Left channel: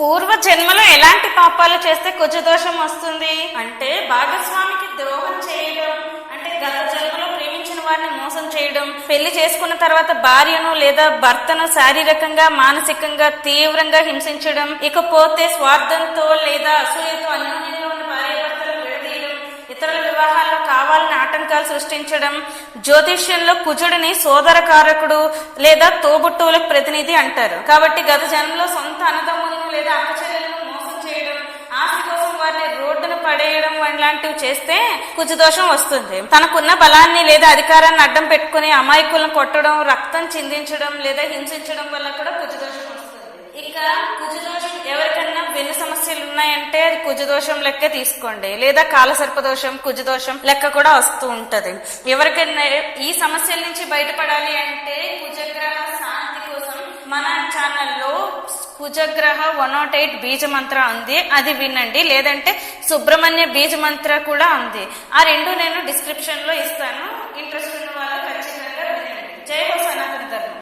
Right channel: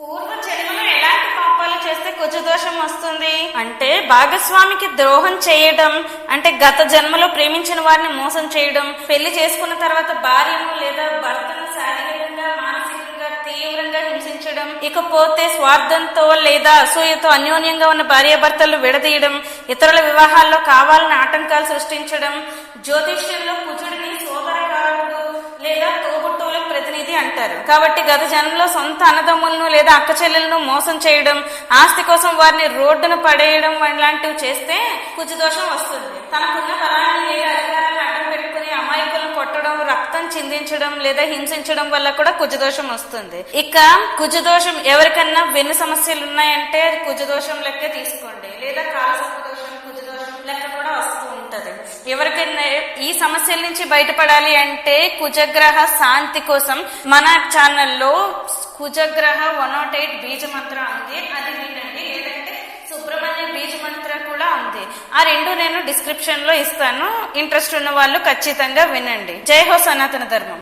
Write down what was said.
పూర్వ జన్మలో ఎలాంటి పాపాలు చేస్తే కుజదోషం వస్తుంది అంటే భాగస్వామికి ద్రోహం చేయడం, అంటే గత జన్మలో ప్రేమించిన వారిని మోసం చేయడం, పెళ్లి చేసుకున్న తర్వాత భార్యను లేదా భర్తను శారీరకంగా మానసికంగా తీవ్రంగా హింసించడం, ఇకపోతే స్వార్థంతో లేదా అసూయతో అన్యోన్యంగా ఉన్న భార్యాభర్తలు విడదీయడం, ఇతరుల వివాహాల్లో కావాలని ఆటంకాలు సృష్టించడం. జ్యోతిష్యంలో కుజుడిని సోదరకారకుడు లేదా తోబుట్టువులకు ప్రతినిధి అంటారు. కాబట్టి గత జన్మలో సొంత అన్నదమ్ములను లేదా అక్క చెల్లెలను మోసం చేయడం, ఆస్తి కోసం వారిని రోడ్డును పడేయడం లాంటివి చేస్తే కుజదోషం వస్తుంది. తనకున్న బలాన్ని లేదా అధికారాన్ని అడ్డం పెట్టుకుని అమాయకులను కొట్టడం, రక్తం చిందించడం లేదా హింసించడం వల్ల కూడా కుజదోషం వస్తుంది. ఇక కుజదోషం ఎవరికన్నా వెన్ను సమస్యలు ఉన్నాయంటే అది కుజదోషం లెక్క తీసుకోండి, లేదా కాలసర్పదోషం కుజదోషం లెక్క కూడా వస్తూ ఉంటది. ఎవరికైనా ఈ సమస్యల నుంచి బయటపడాలి అంటే కుజగ్రహ శాంతి కోసం మన ఛానల్లో కుజగ్రహ 108 బీజ మంత్ర ఉంది, అది వినండి. లేదంటే సుబ్రహ్మణ్య బీజ మంత్ర కూడా ఉంది, ఆ రెండు నేను డిస్క్రిప్షన్ లో ఇస్తాను. ఇంట్రెస్ట్ ఉన్న వాళ్ళు ఖచ్చితంగా వినండి. జై హో సనాతన ధర్మం.